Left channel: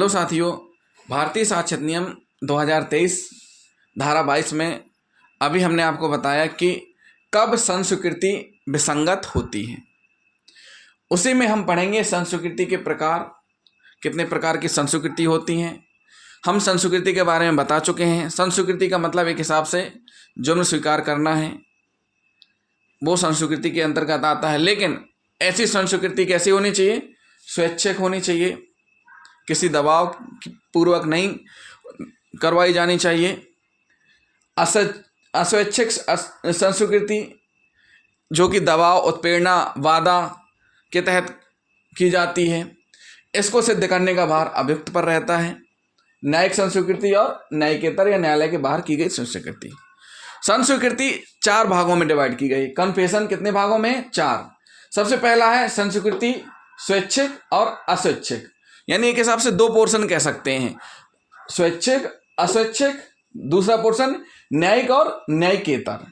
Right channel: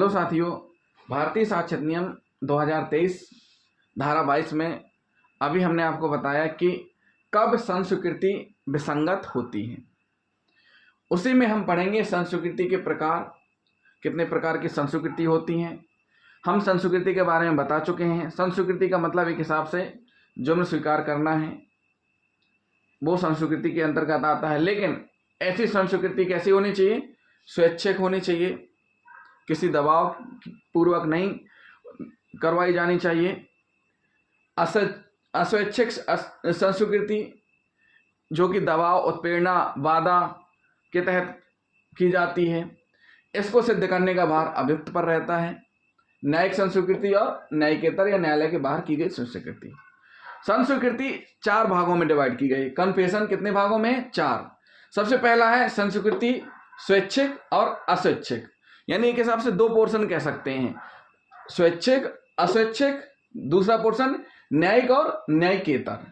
Hello साथियों, भारतीय साक्ष्य अधिनियम 2023 धारा 22 में अभी हमने आपको बताया कि कब संस्वीकृति विसंगत होती है। उसी में हम पढ़ेंगे संस्वीकृति के प्रकार, कितने प्रकार की संस्वीकृति होती हैं। हम संस्वीकृति के बारे में बता चुके हैं। संस्वीकृति का मतलब एक हिसाब से जुर्म स्वीकार करना है, वो संस्वीकृति के अंतर्गत आता है। लेकिन ऐसी संस्वीकृति कैसी होनी चाहिए? स्वैच्छिक होनी चाहिए, किसी दबाव पूर्वक नहीं करवाई जानी चाहिए। अस्वैच्छिक संस्वीकृति जो कि दबाव, उत्प्रेरणा, वादा के तहत की जाती है, इसको सिद्ध करने का भार अभियुक्त पर रहता है। न्यायिक संस्वीकृति और न्यायिकेतर या न्यायालय के बाहर की गई संस्वीकृति। संस्वीकृति 4 भागों में डिवाइड की गई। कन्फेशन कितने भागों में? 4। सबसे पहला है संस्वीकृति स्वैच्छिक और अस्वैच्छिक, यानी एक हिसाब से 2 पोर्शन कह सकते हैं, स्वैच्छिक अस्वैच्छिक। दूसरा पोर्शन न्यायिक और न्यायिकेतर।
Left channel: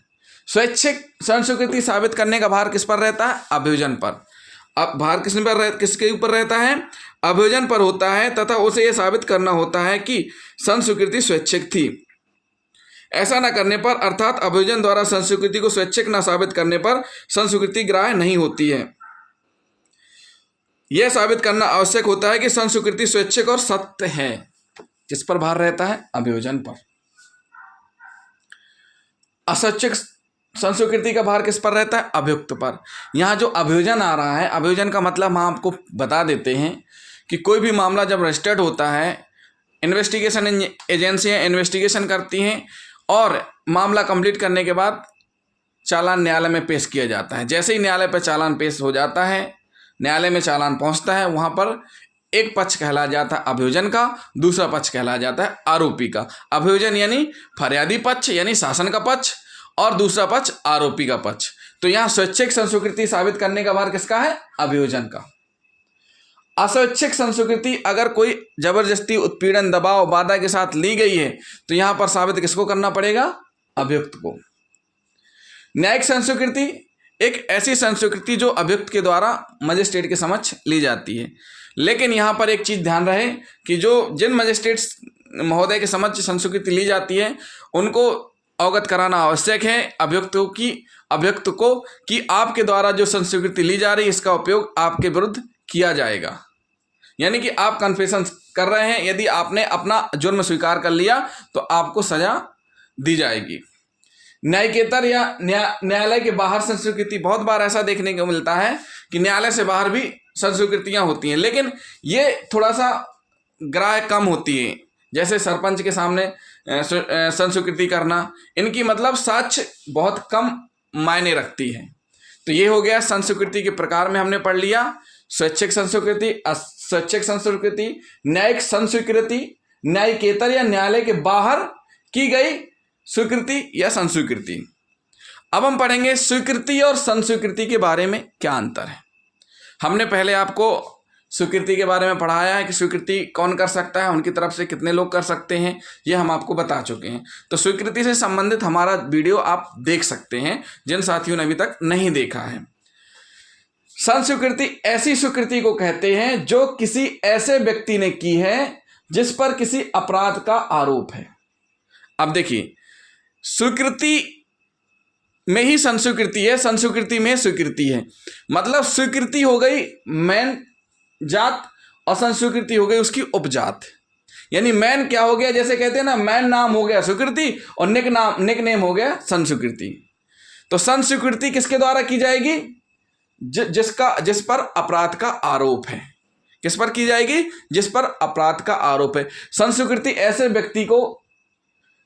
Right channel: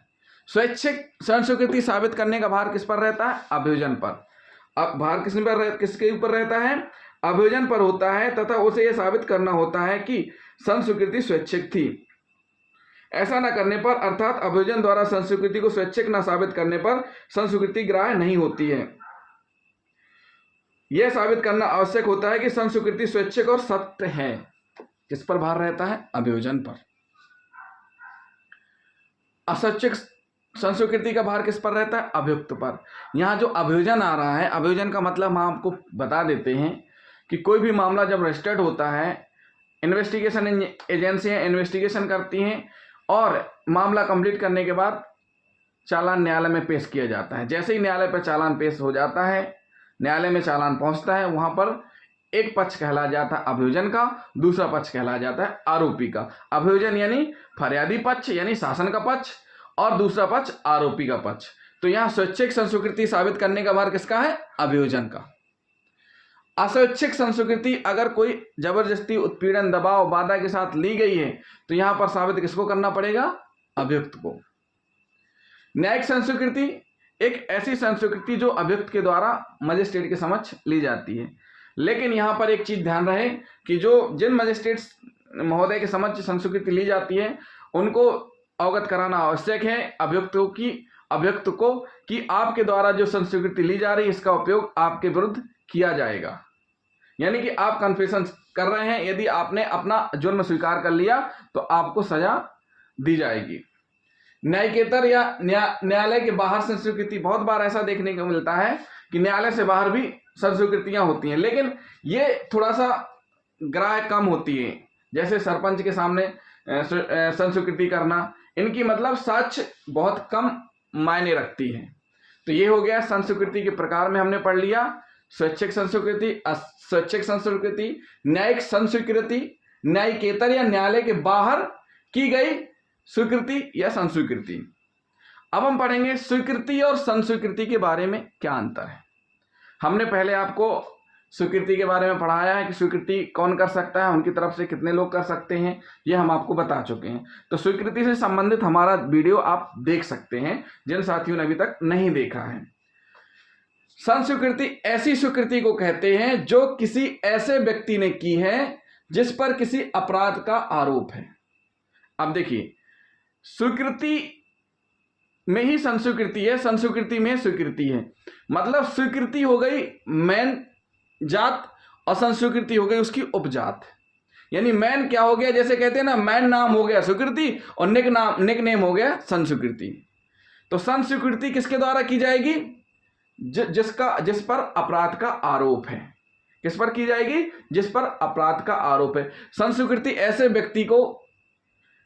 स्वैच्छिक संस्वीकृति साबित करने का भार किस पर रहता है? अभियोजन पर। अब भार किसके ऊपर रहता है? अभियोजन पर होता है, तथा उसे यह साबित करना होता है कि संस्वीकृति स्वैच्छिक थी। ऐसा न करने पर, अर्थात अभियोजन द्वारा संस्वीकृति को स्वैच्छिक न साबित करने पर संस्वीकृति ग्राह्य नहीं होती है। यह साबित करना आवश्यक होता है कि संस्वीकृति स्वैच्छिक और सत्य है। किस पर भार रहता है? अभियोजन पर। अस्वैच्छिक संस्वीकृति का भार किस पर रहता है? अभियुक्त पर। यहाँ जो अभियोजन आ रहा है, अभियोजन का मतलब हम आपको बता देते हैं कि कोई भी मामला जब रजिस्टर्ड होता है, इन्वेस्टिगेशन एजेंसियां इन्वेस्टिगेशन करती हैं और मामला कंप्लीट करने के बाद चालान न्यायालय में पेश किया जाता है। जैसे ही न्यायालय पर चालान पेश हो जाता है, न्यायालय में चालान पहुंचता है, वहां पर एक पक्ष कहला जाता है अभियोजन का, दूसरा पक्ष कहला जाता है आरोपी का। अभियोजन यानी फरियादी पक्ष यानी शासन का पक्ष, और दूसरा पक्ष आरोपी का पक्ष। तो यहाँ स्वैच्छिक संस्वीकृति साबित करने का भार किसका है? अभियोजन का। अस्वैच्छिक संस्वीकृति अगर कोई जबरदस्ती, उत्पीड़न, दबाव, बाधा के साथ ली गई है तो यहां पर साबित किसको करना पड़ेगा? अभियुक्त को। न्यायिक संस्वीकृति एक ऐसी संस्वीकृति जो अभियुक्त के द्वारा मजिस्ट्रेट के समक्ष ली जाती है। लेकिन यहाँ पर एक चीज ध्यान रहे कि जिन मजिस्ट्रेट महोदय के समक्ष संस्वीकृति ली जाती है उनको अवगत कराना आवश्यक है अभियुक्त को कि आपके द्वारा जो संस्वीकृति ली जा रही है इसका उपयोग आपके विरुद्ध किया जाएगा। यानी कि आप कन्फेशन कर रहे हैं, यदि आपने अपना जुर्म स्वीकार कर लिया तो आपको सजा दी जाएगी। न्यायिकेतर या न्यायालय के बाहर संस्वीकृति, बहुत बार ऐसा देखने को मिलता है कि न्यायालय से बाहर भी संस्वीकृतियां होती हैं, लेकिन ये थोड़ा सा ग्राह्य कम होती है। जैसे सरपंच के सामने संस्वीकृति करना, इनकी मतलब साक्ष्य बहुत कम मायने रखती है। तो ये हो गया संस्वीकृति के प्रकार में हमने पढ़ लिया। स्वैच्छिक संस्वीकृति, अस्वैच्छिक संस्वीकृति, न्यायिक संस्वीकृति, न्यायिकेतर या न्यायालय के बाहर की गई स्वीकृति या संस्वीकृति। अब हम पढ़ेंगे स्वीकृति और संस्वीकृति के बारे में क्या अंतर है। हमने पहले आपको स्वीकृति के बारे में पढ़ाया है कि स्वीकृति कौन कर सकता है, उनकी तरफ से कितने लोग कर सकते हैं, ये हम आपको बता चुके हैं। तो स्वीकृति से संबंधित हमारा वीडियो आप देख सकते हैं जिन साथियों ने अभी तक नहीं देखा है। संस्वीकृति ऐसी स्वीकृति को कहते हैं जो किसी ऐसे व्यक्ति ने की है जिस पर किसी अपराध का आरोप है। अब देखिए, स्वीकृति में ही संस्वीकृति है, संस्वीकृति में स्वीकृति है। मतलब स्वीकृति हो गई मेन जात और संस्वीकृति हो गई उसकी उपजात। यानी मैन क्या हो गया, जैसे कहते हैं ना, मैन नाम हो गया स्वीकृति और निक नेम हो गया संस्वीकृति। तो संस्वीकृति किसके द्वारा की जाएगी? जिस पर अपराध का आरोप है। किस पर की जाएगी? जिस पर अपराध का आरोप है। संस्वीकृति ऐसे व्यक्ति को,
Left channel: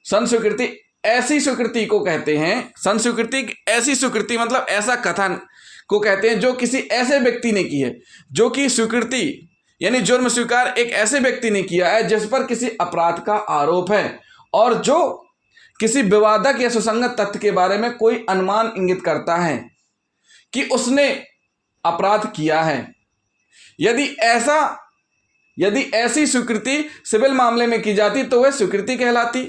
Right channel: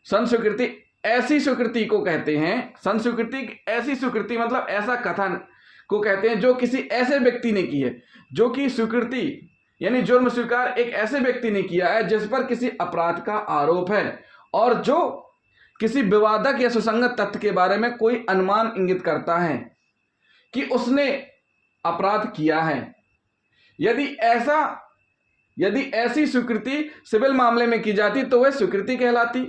संस्वीकृति ऐसी स्वीकृति को कहते हैं, संस्वीकृति ऐसी स्वीकृति मतलब ऐसा कथन को कहते हैं जो किसी ऐसे व्यक्ति ने की है, जो कि स्वीकृति यानी जुर्म स्वीकार एक ऐसे व्यक्ति ने किया है जिस पर किसी अपराध का आरोप है और जो किसी विवादक या सुसंगत तथ्य के बारे में कोई अनुमान इंगित करता है कि उसने अपराध किया है। यदि ऐसा यदि ऐसी स्वीकृति सिविल मामले में की जाती तो वह स्वीकृति कहलाती।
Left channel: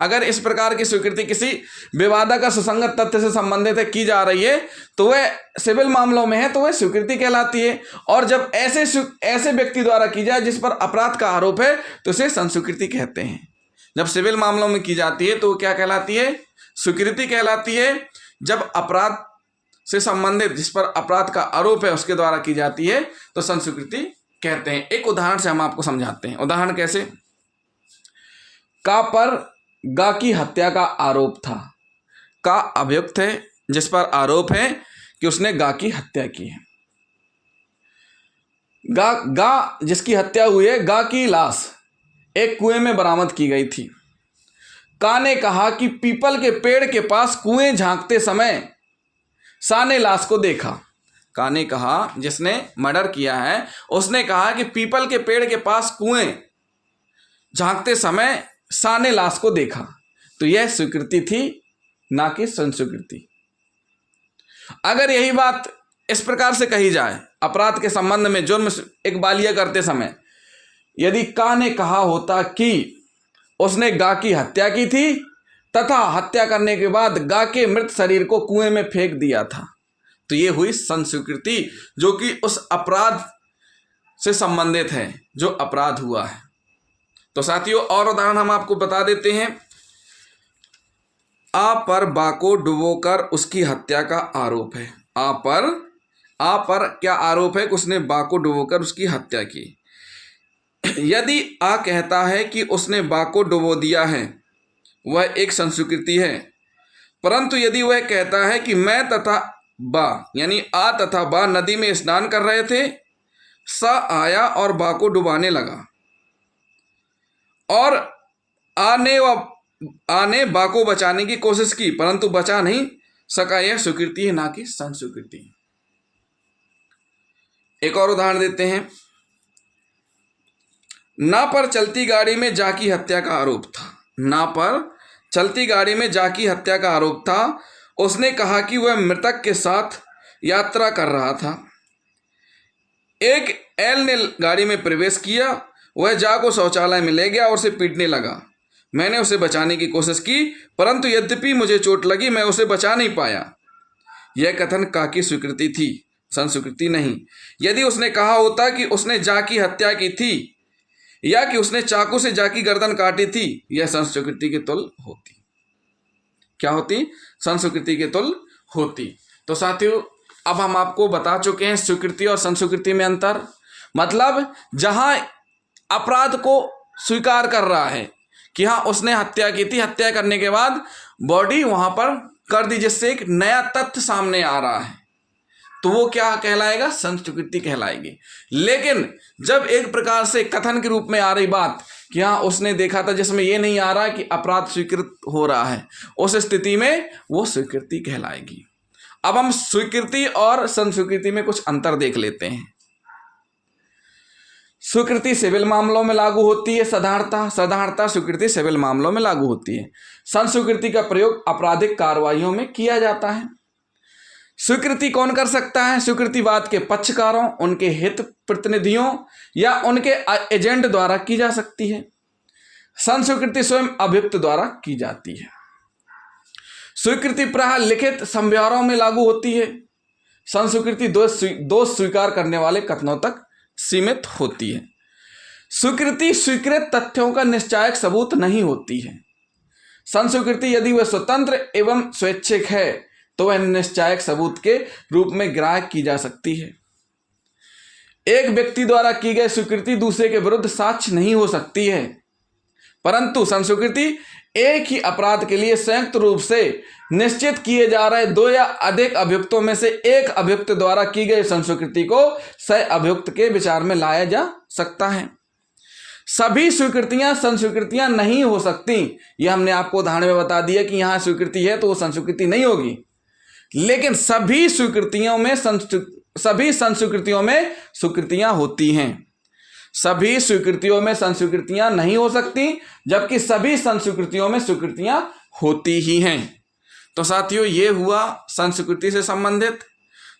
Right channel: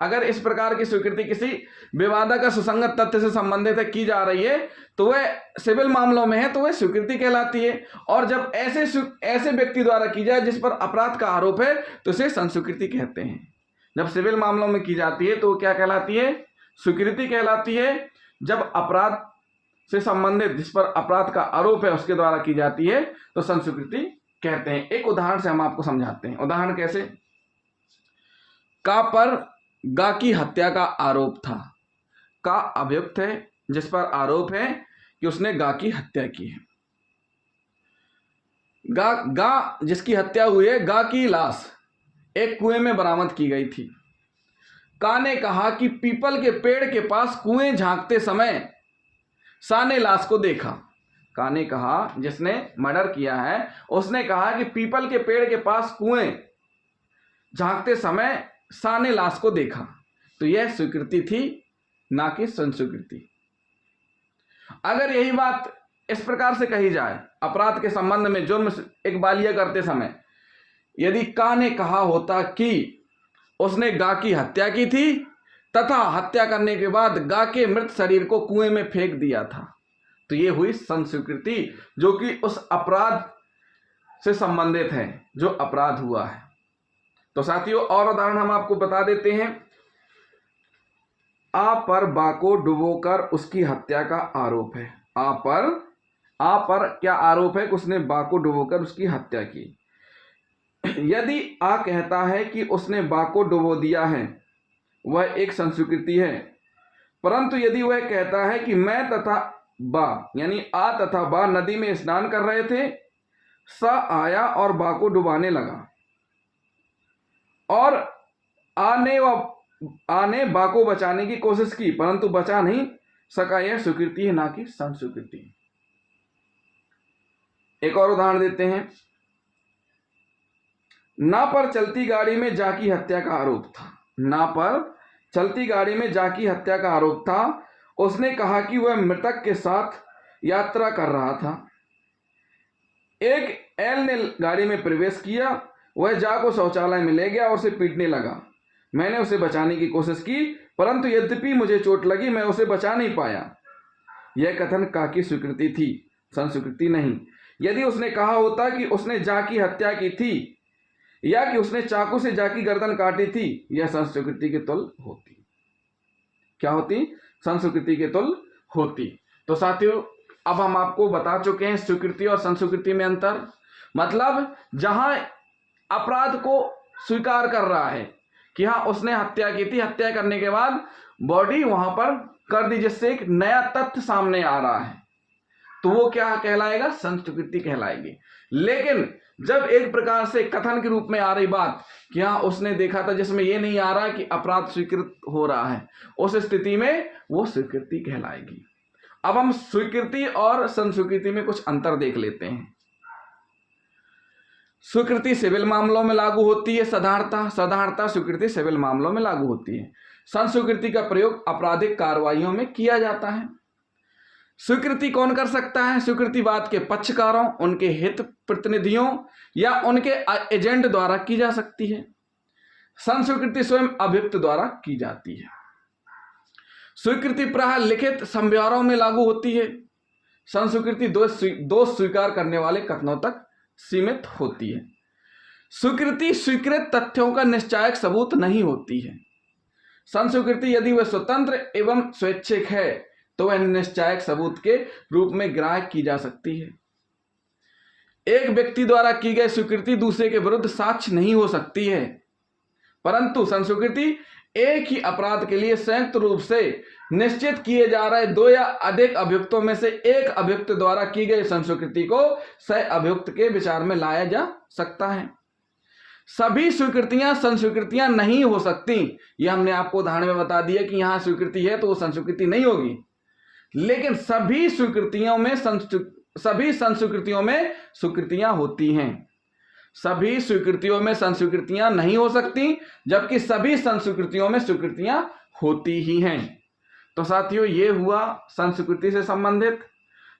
अगर इस प्रकार की स्वीकृति किसी विवादक सुसंगत तथ्य से संबंधित है, की जा रही है, तो वह सिविल मामलों में है तो वह स्वीकृति कहलाती है। और जब ऐसे व्यक्ति द्वारा की जाए जिस पर अपराध का आरोप है तो उसे संस्वीकृति कहते हैं। जब सिविल मामलों में की जाती है तो क्या कहलाती है? स्वीकृति कहलाती है। जब अपराध से संबंधित जिस पर अपराध का आरोप है उसके द्वारा की जाती है तो संस्वीकृति कहते हैं। एक उदाहरण से हम आपको समझाते हैं। उदाहरण कैसे? का पर गा की हत्या का आरोप था। का अभियुक्त है जिस पर आरोप है कि उसने गा की हत्या की है। गा जिसकी हत्या हुई है, गा की लाश एक कुएं में बरामद की गई थी। का ने कहा कि पीपल के पेड़ के पास कुएं झांकते समय सा ने लाश को देखा। का ने कहा, जिसने मर्डर किया है, उसने कहा कि पीपल के पेड़ के पास कुएं झांकते समय सा ने लाश को देखा। तो यह स्वीकृति थी, ना कि संस्वीकृति। अगर यही बात इस प्रकार से कही जाए अपराध के संबंध में, जुर्म एक बालिया करते समय, यदि का ने कहा होता कि उसने गा की हत्या की थी तथा हत्या करने के बाद गा के मृत शरीर को कुएं में फेंक दिया था, तो ये हुई संस्वीकृति, जो कि उस अपराध से संबंधित है जो अपराध हुआ है। तो साथियों, और उदाहरण हम आपको बता देते हैं। आ पर बा को डुबोकर उसकी हत्या का आरोप है। आ पर क्या आरोप है कि उसने बा को डुबोकर उसकी हत्या की। यदि आ कहता है कि उसने बा को डुबो दिया है, वह एक संस्वीकृति है। परंतु यदि वह कहता है कि मैं तथा बा, यानी आ तथा बा नदी में स्नान कर रहे थे, सा आया और बा को डुबाने लगा और आ ने बा को बचाने की कोशिश की परंतु बचा नहीं सका, यह स्वीकृति है, ना कि संस्वीकृति। एक और उदाहरण देते हैं। ना पर चलती गाड़ी में जा की हत्या का आरोप था। ना पर चलती गाड़ी में जा की हत्या का आरोप था। उसने कहा कि वह मृतक के साथ यात्रा कर रहा था। एक एल ने गाड़ी में प्रवेश किया। वह जा को शौचालय में ले गया और उसे पीटने लगा। मैंने उसे बचाने की कोशिश की परंतु यद्यपि मुझे चोट लगी, मैं उसे बचा नहीं पाया। यह कथन का की स्वीकृति थी, संस्वीकृति नहीं। यदि उसने कहा होता कि उसने जा की हत्या की थी या कि उसने चाकू से जा की गर्दन काटी थी, यह संस्वीकृति के तुल्य होती। क्या होती? संस्वीकृति के तुल्य होती। तो साथियों, अब हम आपको बता चुके हैं स्वीकृति और संस्वीकृति में अंतर। मतलब जहां अपराध को स्वीकार कर रहा है कि हाँ उसने हत्या की थी, हत्या करने के बाद बॉडी वहां पर कर दी, जिससे एक नया तथ्य सामने आ रहा है, तो वो क्या कहलाएगा? संस्वीकृति कहलाएगी। लेकिन जब एक प्रकार से कथन के रूप में आ रही बात कि हाँ उसने देखा था, जिसमें ये नहीं आ रहा कि अपराध स्वीकृत हो रहा है, उस स्थिति में वो स्वीकृति कहलाएगी। अब हम स्वीकृति और संस्वीकृति में कुछ अंतर देख लेते हैं। स्वीकृति सिविल मामलों में लागू होती है साधारणतः स्वीकृति सिविल मामलों में लागू होती है। संस्वीकृति का प्रयोग आपराधिक कार्रवाइयों में किया जाता है। स्वीकृति कौन कर सकता है? स्वीकृतिवाद के पक्षकारों, उनके हित प्रतिनिधियों या उनके एजेंट द्वारा की जा सकती है। संस्वीकृति स्वयं अभियुक्त द्वारा की जाती है। स्वीकृति प्रायः लिखित समझौतों में लागू होती है। संस्वीकृति दोष स्वीकार करने वाले कथनों तक सीमित होती है। स्वीकृति स्वीकृत तथ्यों का निश्चायक सबूत नहीं होती है। संस्वीकृति यदि वह स्वतंत्र एवं स्वैच्छिक है तो वह निश्चायक सबूत के रूप में ग्राह्य की जा सकती है। एक व्यक्ति द्वारा की गई स्वीकृति दूसरे के विरुद्ध साक्ष्य नहीं हो सकती है, परंतु संस्वीकृति एक ही अपराध के लिए संयुक्त रूप से निश्चित किए जा रहे दो या अधिक अभियुक्तों में से एक अभियुक्त द्वारा की गई संस्वीकृति को सह अभियुक्त के विचार में लाया जा सकता है। सभी स्वीकृतियां संस्वीकृतियां नहीं हो सकती। यह हमने आपको उदाहरण में बता दिया कि यहां स्वीकृति है तो वो संस्वीकृति नहीं होगी। लेकिन सभी संस्कृतियों में स्वीकृतियां होती हैं। सभी स्वीकृतियों में संस्वीकृतियां नहीं हो सकती, जबकि सभी संस्कृतियों में स्वीकृतियां होती ही हैं। तो साथियों, ये हुआ संस्कृति से संबंधित,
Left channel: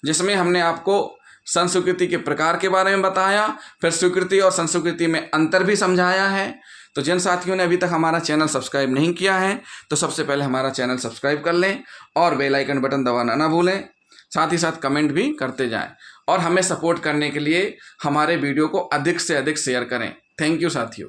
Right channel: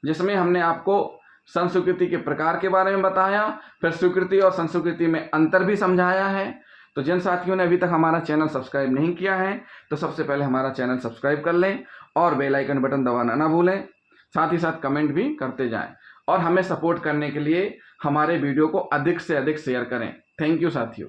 जिसमें हमने आपको संस्कृति के प्रकार के बारे में बताया, फिर स्वीकृति और संस्कृति में अंतर भी समझाया है। तो जिन साथियों ने अभी तक हमारा चैनल सब्सक्राइब नहीं किया है तो सबसे पहले हमारा चैनल सब्सक्राइब कर लें और बेल आइकन बटन दबाना ना भूलें। साथ ही साथ कमेंट भी करते जाएं और हमें सपोर्ट करने के लिए हमारे वीडियो को अधिक से अधिक शेयर करें। थैंक यू साथियों।